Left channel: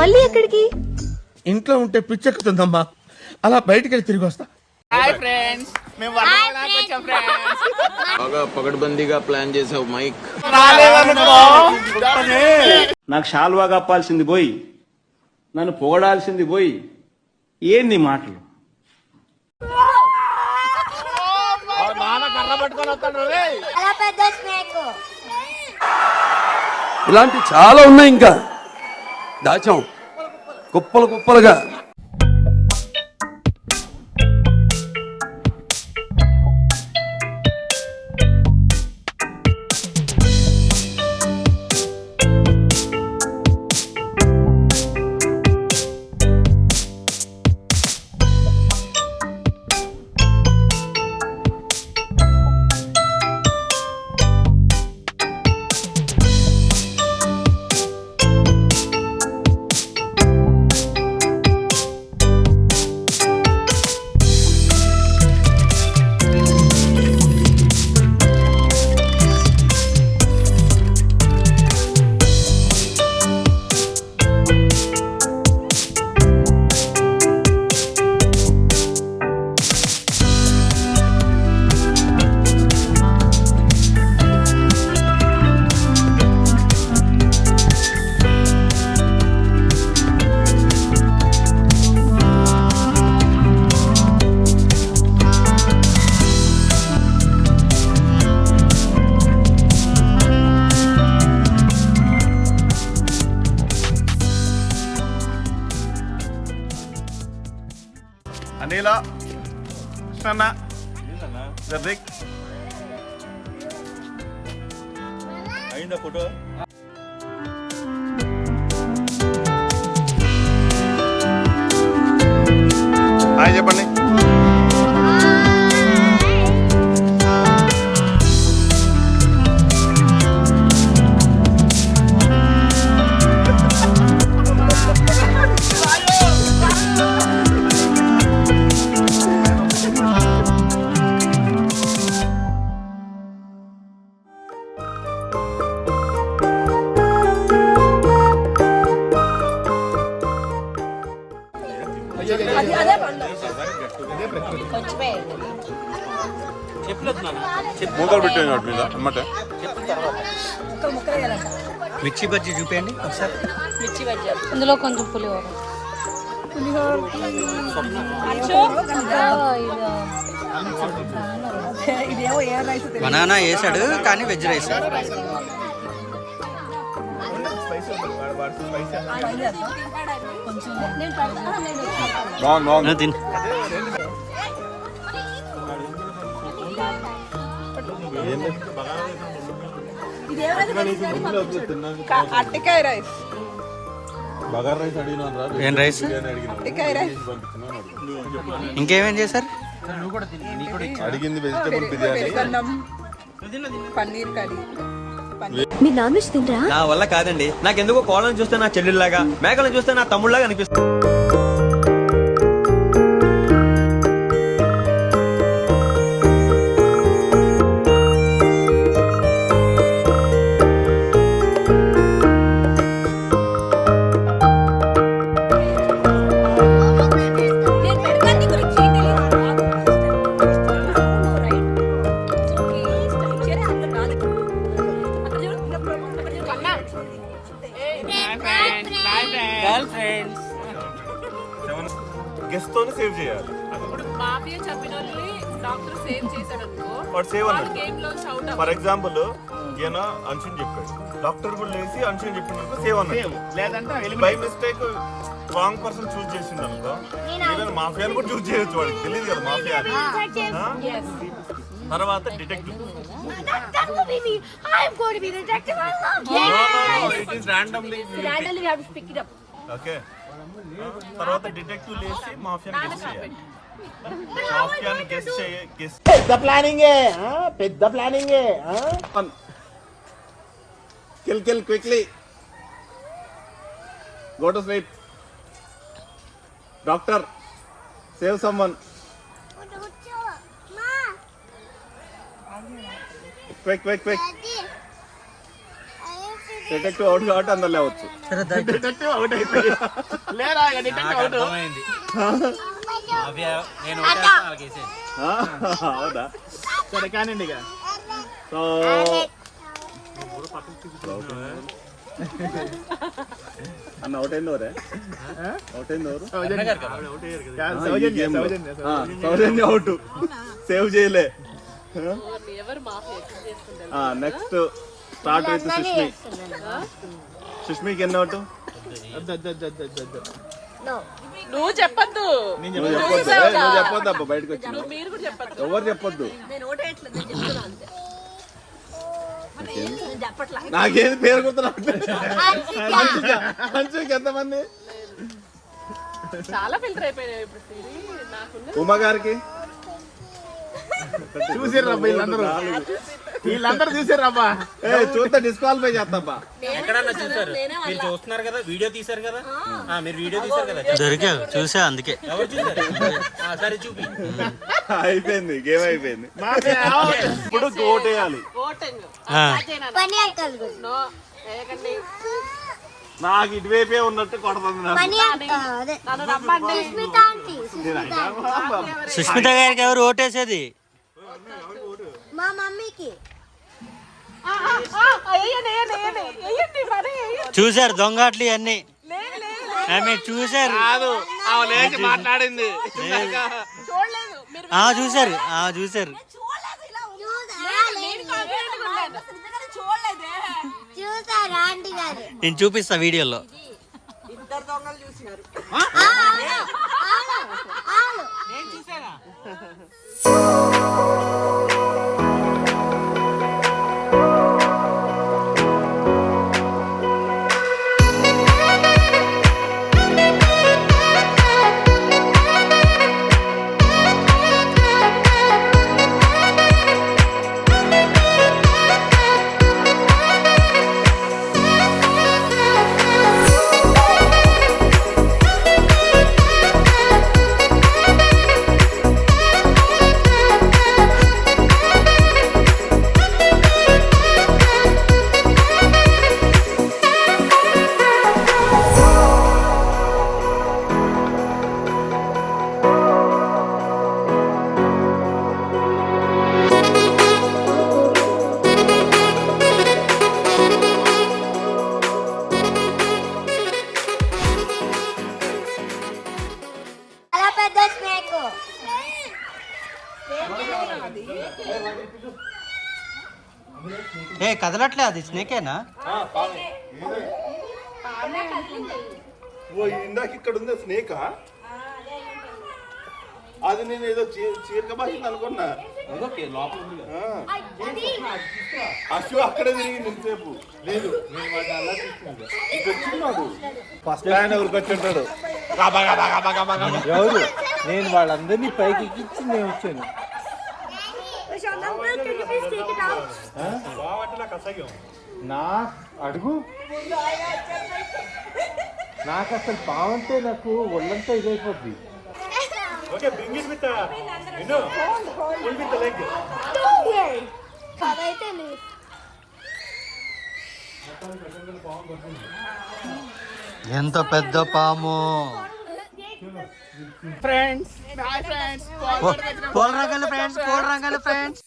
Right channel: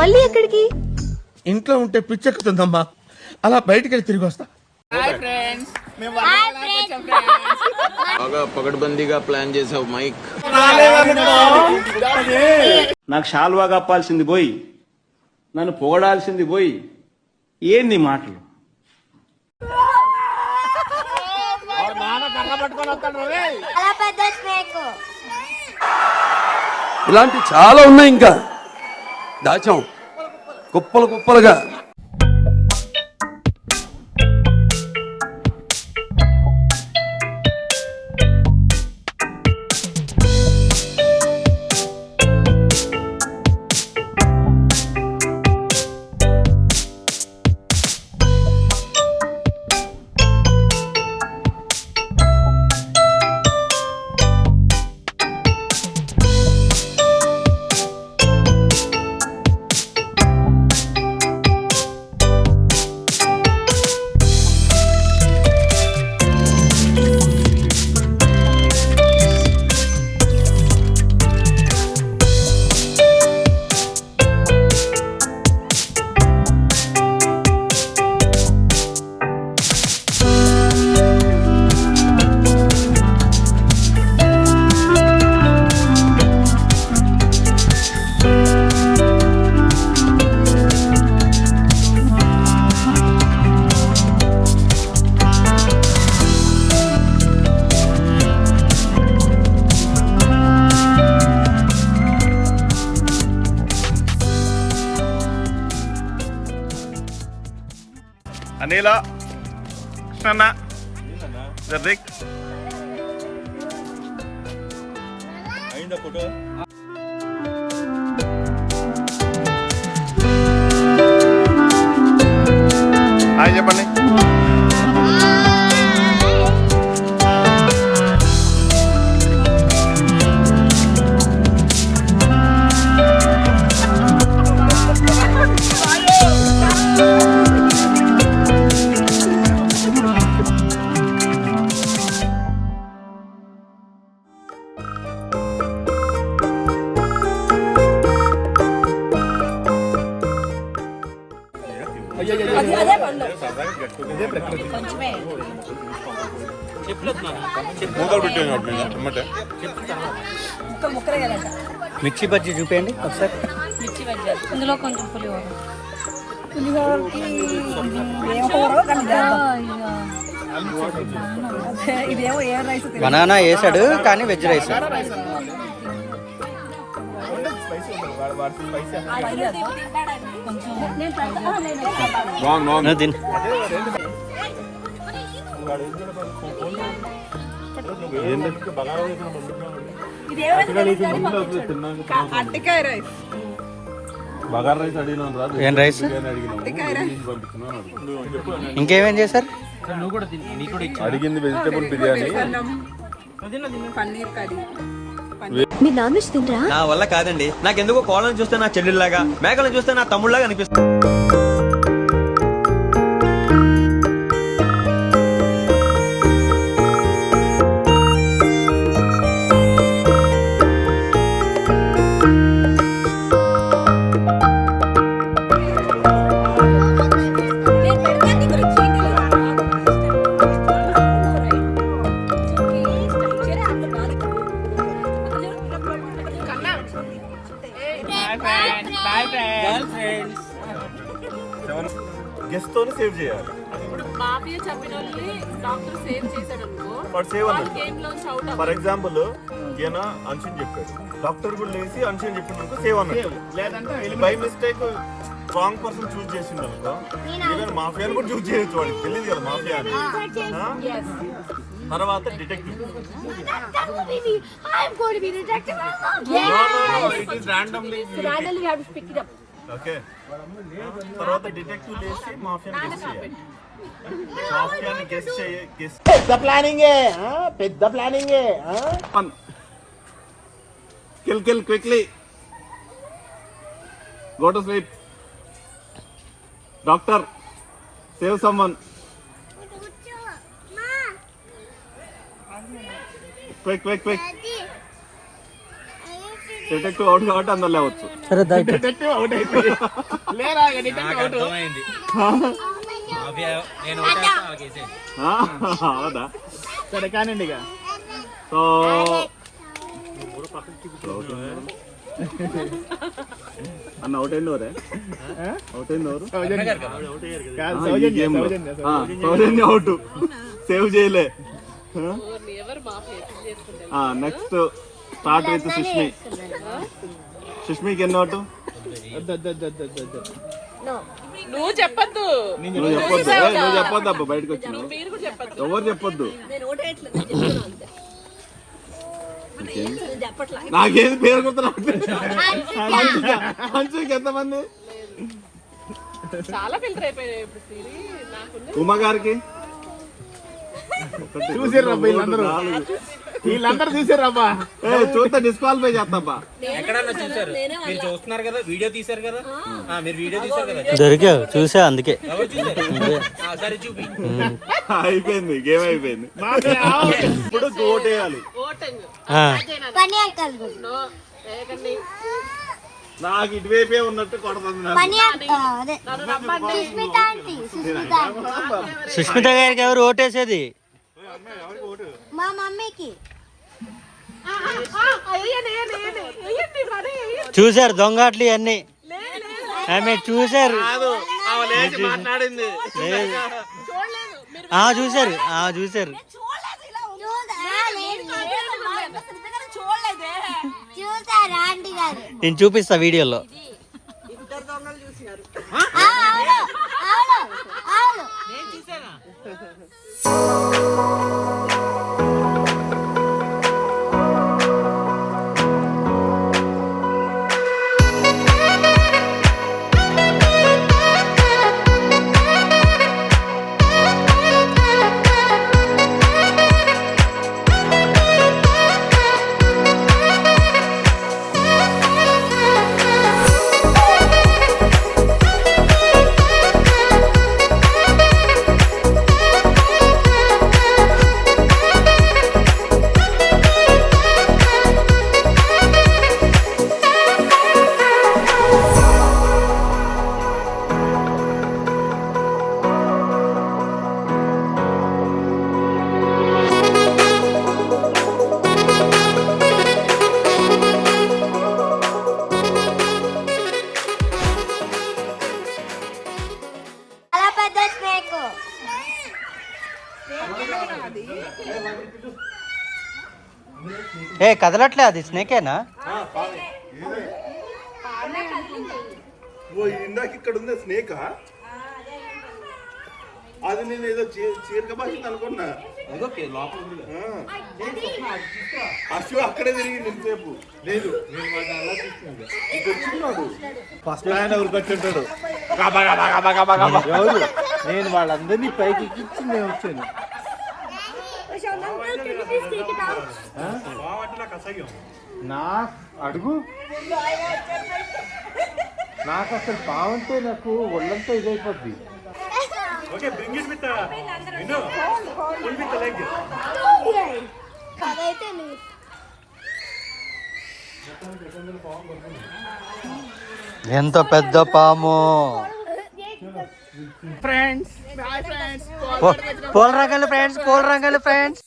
మళ్ళీ ఎక్కడికి? ఇంట్లో ఉంటే పిచ్చెక్కుతుందమ్మా, అలా బయటికి వెళ్ళి తిరిగి వస్తా. బాగా పగడ్బందీగా ప్లాన్ చేసావు మైక్. నాకు షాల్వా కప్పాల్సింది పోయి నన్ను పొగడాల్సింది పోయి ఏంది మాటలు? ఇలాంటి చాలా ఉన్నాయి, ఇంకా దాచాం కుప్పలు కుప్పలుగా. అనిల కృష్ణన్న జర్దిక్ అయిందా ఫోటో? హాయ్ చెప్పండి. మిర్చి బజ్జీ చూపేయండి ఒకసారి. ఇందులో కొంచెం పులిహోర. బనానా వేసాడు కానీ వెజ్ రైస్. తిను. ఏం రైస్? ఇంకేమేం చేశారు? మీరు నాన్ వెజ్ తింటారా? నా వల్ల కాదండి. నాకెందుకో కోళ్ళని చూస్తే నా చెల్లెళ్ళలాగా, మేకలను చూస్తే నా తమ్ముళ్ళలాగా అనిపిస్తుంది. గెస్ట్ తోనే సేవ్ చేయాలి. ఫర్ ఎగ్జాంపుల్ ఈయన అన్షన్ చెప్పాడు, డాక్టర్ కూడా లేసి అన్షన్ చెప్పిన సేవ్ అన్నాడు. లేదంటే by mistake wrong person choose చేసిండు అనుకో, ఈవెన్ మాఫియాని కూడా చూస్ చేయొచ్చు, వాడికి తెలియదు కదా మాఫియా అని. తర్వాత డిటెక్టివ్. ఓకే, తర్వాత డిటెక్టివ్ లేసి మాఫియాని గెస్ చేయాలి. మాఫియాని గెస్ పెద్ద planning. Kill quickly, go to sleep. Doctor, save someone. Quick. Detective out కాబట్టి అందరు లేవచ్చు. డిటెక్టివ్ అవుట్ అయిపోయి లేరా డిటెక్టివ్ అవుట్ అవుదా? సరే కానివ్వండి ఇక. సో అన్న అవుట్ అయింది ఎవరే? అవుట్ అయింది ఎవరు? సౌజన్య అవుట్, సేవ్ చేయలే. Next start with Sushmi. సుష్మికి ఎన్ని అవుట్? నువ్వు చెప్పొద్దు నువ్వు చెప్పొద్దు అబ్బా, బయటకు వచ్చిన ఎవరు చెప్పొద్దు. నాకేది పేరు గుర్తున్నా. అంచుకి ఎంతమంది? చాలా ఫిల్టర్ అయిపోయినాయి ఇప్పుడు. ఉమా గారికి చూసారు వీళ్ళందరూ చూసారబ్బా. చూస్తే డిస్క్వాలిఫై చేస్తాబ్బా. చూస్తున్నారు కదా, వీడియో తీశారు కదా, మీరు వీడియో తీశారు కదా. దొరికావు, చూసా, అందుకే అయిపోయింది, గేమ్ అయిపోయింది. ఇప్పుడు ఓటేయాలి. నాకు ఇటువైపే ఉన్నట్టు కొడుతుంది. సుష్మిత గారికి ఎవరు ఓటేసేది? మా మమ్మీకి. చూసారు దొంగట్లు అన్ని, ఆమె చూసారు, మాట్లాడింది చూసారు, చూసారు. నేను చూపిస్తా వీడియోలో. ఏ కదలట్లే, అది స్నేకేనా? ఇందాక ఇక్కడ ఉంది స్నేక్. అది నేను ఏదో చీరక భాష అనుకున్నా. అశు అక్కడే తిరిగింది ఇంతసేపు. లేదు వచ్చిన్నాడు ఫస్ట్ ఆయన ఎవరికి వచ్చింటాడు. నేను వాళ్ళందరినీ పైకి ఎక్కించి నేను వచ్చాను. నా అడుగు, నాకు అసలు పావంటే నాకు ఒళ్ళంతా ఇదైపోద్ది. ఎంత పెద్ద పాము! ఫ్రెండ్స్ పోల్ రంగులు ఫ్రెండ్స్.